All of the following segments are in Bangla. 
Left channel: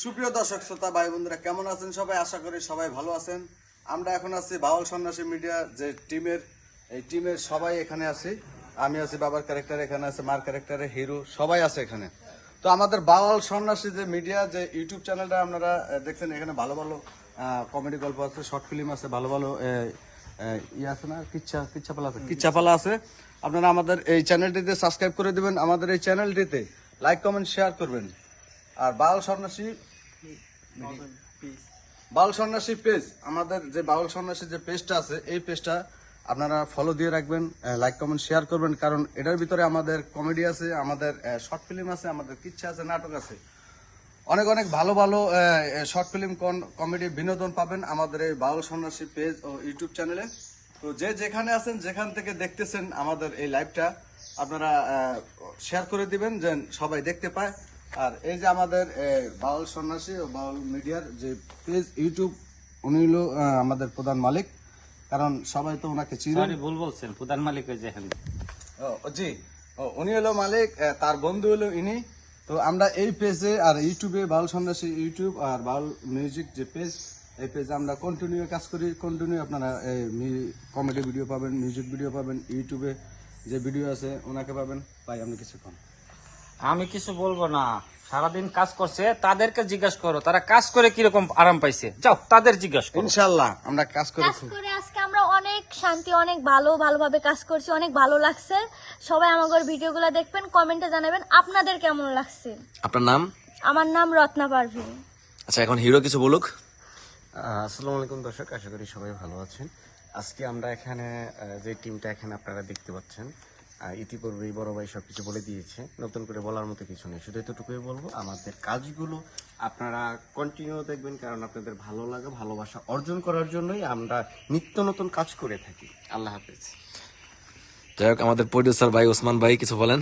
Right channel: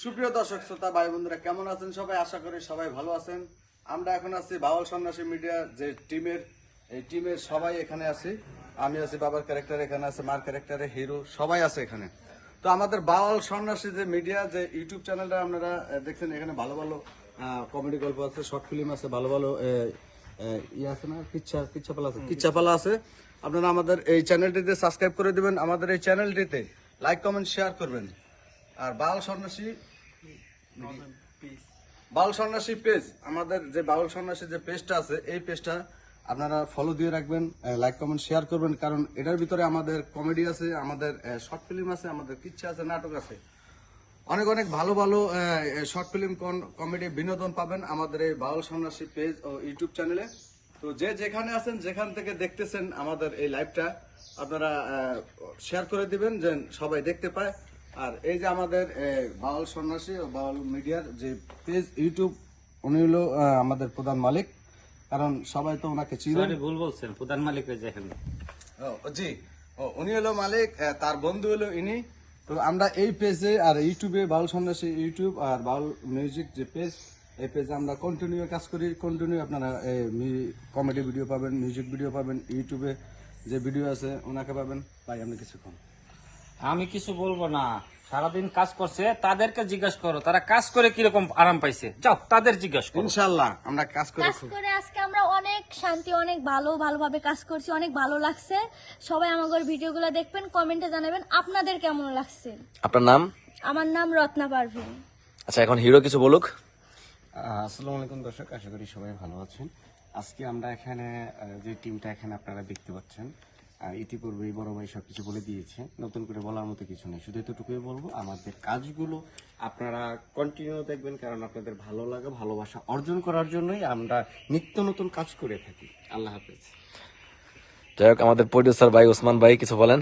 সুপ্রিয় দর্শক শ্রোতা ভাই বন্ধুরা কেমন আছেন সবাই? আশা করি সবাই ভালো আছেন। আমরা এখন আছি বাউল সন্ন্যাসী মিডিয়া যে টিমের সবাই এখানে আছি। আমি আছি বাবার ক্যারেক্টার, এখানে আছে মার ক্যারেক্টারে হিরো, সবাই আছে এখানে। তো আমাদের বাউল সন্ন্যাসী যে মিডিয়া যে ইউটিউব চ্যানেলটা আপনারা দেখছেন, এখানে ভালো ভালো কমেডি গল্প আছে, শর্ট ফিল্ম আছে, ভালো ভালো ইয়ে আছে না, কিচ্ছাপালা আছে। আপনারা আমাদের এই চ্যানেলটিতে সাবস্ক্রাইব করে দিবেন, আমাদের এই চ্যানেলটিতে লাইক কমেন্ট শেয়ার করবেন। আর বাউল সন্ন্যাসী পেজ, আমাদের যে বাউল সন্ন্যাসী যে পেজটা আছে, এই পেজটা আপনারা ফলো দিয়ে রাখবেন, লাইক কমেন্ট শেয়ার করবেন। কারণ এটার ভিতরে আমাদের কমেডি আছে, আমাদের শর্ট ফিল্ম আছে, আমাদের কিচ্ছা আছে, নাটক আছে, অনেক অনেক ভালো ভালো শর্ট ফিল্ম কমেডি বিনোদন পাবেন আমাদের এই বাউল সন্ন্যাসী পেজ ও ইউটিউব চ্যানেলে। তো যে যেখানে আছেন, যেখান থেকে দেখতেছেন আমাদের এই লাইভটা, আপনারা শেয়ার করে দিবেন যেন সবাই দেখতে পায়। আর এই যে আমাদের বাউল সন্ন্যাসী ও বাউল মিডিয়ার যে পেজ ইউটিউব, উনি হলো আমাদের প্রধান মালিক। কারণ সবাই তো ওনাকে চিনেন। ভুল বলছেন, প্রধান মালিক জি উনি হলো মালিক, তার বন্ধু হলো ইনি। তো আমরা এই পেজে আর ইউটিউবে বাউল সন্ন্যাসী ইউটিউব আর বাউল মিউজিক যে পেজ, এই পেজে আমরা কন্টিনিউ কাজ করি। কন্টিনিউ আপনারা কমেডি ভিডিও পাবেন, মিউজিক ভিডিও পাবেন, ইউটিউবে যে ভিডিও আছে ওনাকে পাবেন। ভাই আপনি কিছুক্ষণ। আমি কিছু বলবো না, সারাদিন কাজ করছে, তাদেরকে জিজ্ঞাসা করো তারা কাজ করে কিরকম আরাম পাইছে। যাও তাদের জিজ্ঞাসা করো। ইনশাআল্লাহ আমরা কাজ করেছি। আজকে আমরা অনেক শান্তি, অনেক ভালোভাবে কাজ করছি, অনেক ভালো লাগছে। সবাই আমাদের ভিডিওগুলো দেখবেন, কমেন্টে জানাবেন আপনাদের কেমন লাগছে। আপনার নাম? আমার নাম রত্না পারভিন। আচ্ছা, এখন হিরো কিছু বলুক। আসসালামু আলাইকুম দর্শক, আশা করি সবাই ভালো আছেন। আজকে আমরা এখানে যে টিমটা এখানে আপনারা দেখতে পাচ্ছেন, ইতিপূর্বেই বড় ভাই সবকিছু বলে দিয়েছে, নতুন করে বলার মতো কিছু নেই। শুধু এতটুকুই বলবো, আমাদের কাজগুলো আপনারা কন্টিনিউ দেখবেন, কারণ আপনাদের ভালো লাগে, ভালোবাসা অর্জন করার জন্যই আমরা নিত্য নতুন কাজ করে থাকি। আল্লাহ হাফিজ। যাই হোক, আমাদের প্রডিউসার ভাই ওসমান ভাই কিছু বলেন।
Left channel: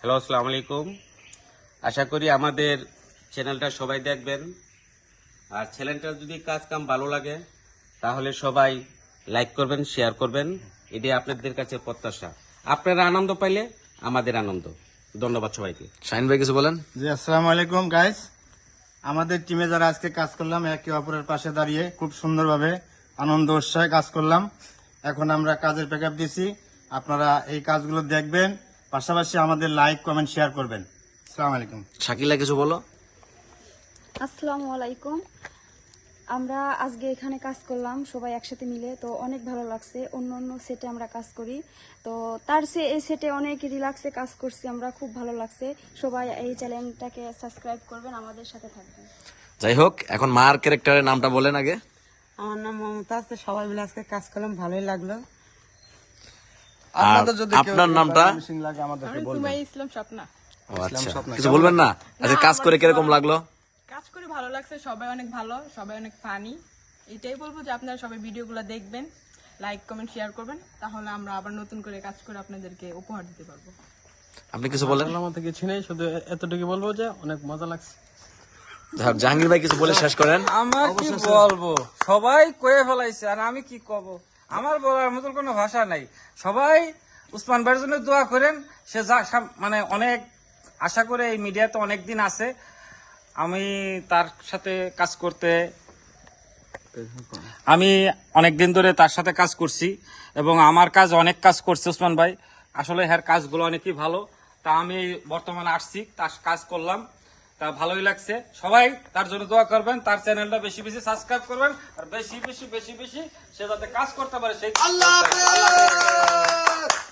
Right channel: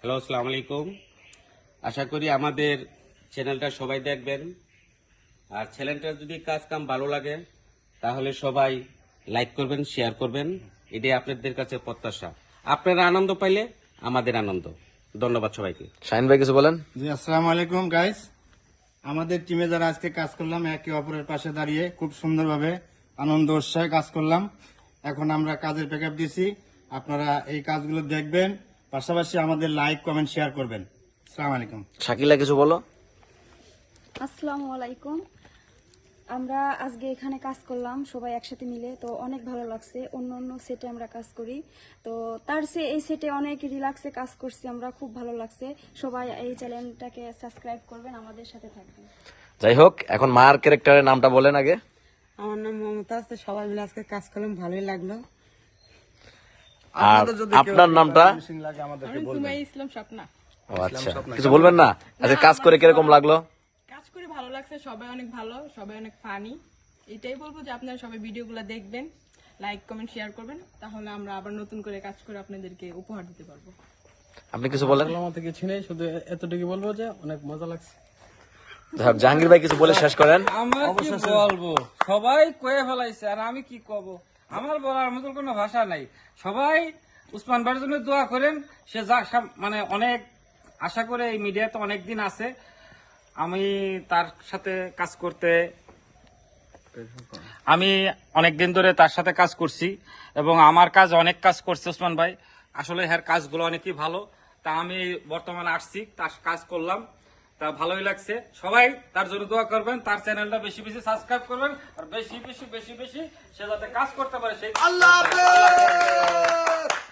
হ্যালো, আসসালামু আলাইকুম। আশা করি আমাদের চ্যানেলটা সবাই দেখবেন। আর চ্যানেলটার যদি কাজ কাম ভালো লাগে তাহলে সবাই লাইক করবেন, শেয়ার করবেন। এটাই আপনাদের কাছে প্রত্যাশা। আপনারা আনন্দ পাইলে আমাদের আনন্দ। ধন্যবাদ সবাইকে। শাহিন ভাই কিছু বলেন। জি, আসসালামু আলাইকুম গাইস। আমাদের টিমে যারা আজকে কাজ করলাম, একে অপরের পাশে দাঁড়িয়ে খুব সুন্দরভাবে আনন্দ উৎসাহে কাজ করলাম। এখন আমরা কাজের প্যাকআপ দিছি, আপনারা এই কাজগুলো দেখবেন, পাশাপাশি আমাদের লাইক কমেন্ট শেয়ার করবেন। আসসালামু আলাইকুম। শাকিলা কিছু বলো। আসসালামু আলাইকুম। আমরা আজকে এখানে কাজ করলাম সবাই একসাথে মিলে, তো অনেক ভালো লাগছে। অন্য অন্য সেটে আমরা কাজ করি, তো তার চেয়ে এই সেটে অনেক রিল্যাক্সে কাজ করছি আমরা, খুব ভালো লাগছে। সবাই এই চ্যানেলটাকে সাবস্ক্রাইব করবেন, আমাদের সাথে থাকবেন। যাই হোক, এখন মার ক্যারেক্টারের নামটা বলেন আগে। আমার নাম মমতাজ। তো সবাই মিলে আজকে কাজ করলাম, ভালোই লাগলো। আর আপনার নামটা? আমি সুমাইয়া ইসলাম স্বপ্না। ও আচ্ছা, কিছু বলবেন না? আচ্ছা, কাজ করে কিরকম লাগলো? কাজ করে ভালো লাগছে, সবাই অনেক ভালো, সবাই অনেক ফানি। এটাই বলবো যে আপনারা সবাই ভিডিওগুলো দেখবেন, লাইক কমেন্ট শেয়ার করবেন, তাহলে আমরা আবার নতুন করে কাজ করে আপনাদেরকে উপহার দিতে পারবো। আপনি কিছু বলেন। আমার থেকে চিনেই, শুধু এতটুকু বলবো যে অনেক মজা লাগছে। জাহাঙ্গীর ভাই কিছু বলে শেষ করেন। আমার কি বলবো, সবাই কয়ে ফেলাইছে আর আমি কি কব, আমার বলার মতো কোনো ভাষা নাই। সবাই উসমান ভাইয়ের জন্য দোয়া করেন। সে যা মানে অনেক আশা করে এই মিডিয়াতে অনেকদিন আছে, আমি তার সাথে কাজ করতে, আমি অনেকদিন ধরে তার সাথে কাজ করছি এবং আমার কাজ অনেক কাজ করছে উসমান ভাই। আসলে এর কাজগুলো অনেকই ভালো। তা আমি বর্তমানে আসছি, তার কাজ করলাম, তা ভালোই লাগছে। সবাই তার জন্য দোয়া করবেন, তার চ্যানেলটা বেশি বেশি সাবস্ক্রাইব করবেন, আর বেশি বেশি সে যাতে কাজ করতে পারে সেই। আল্লাহ হাফেজ।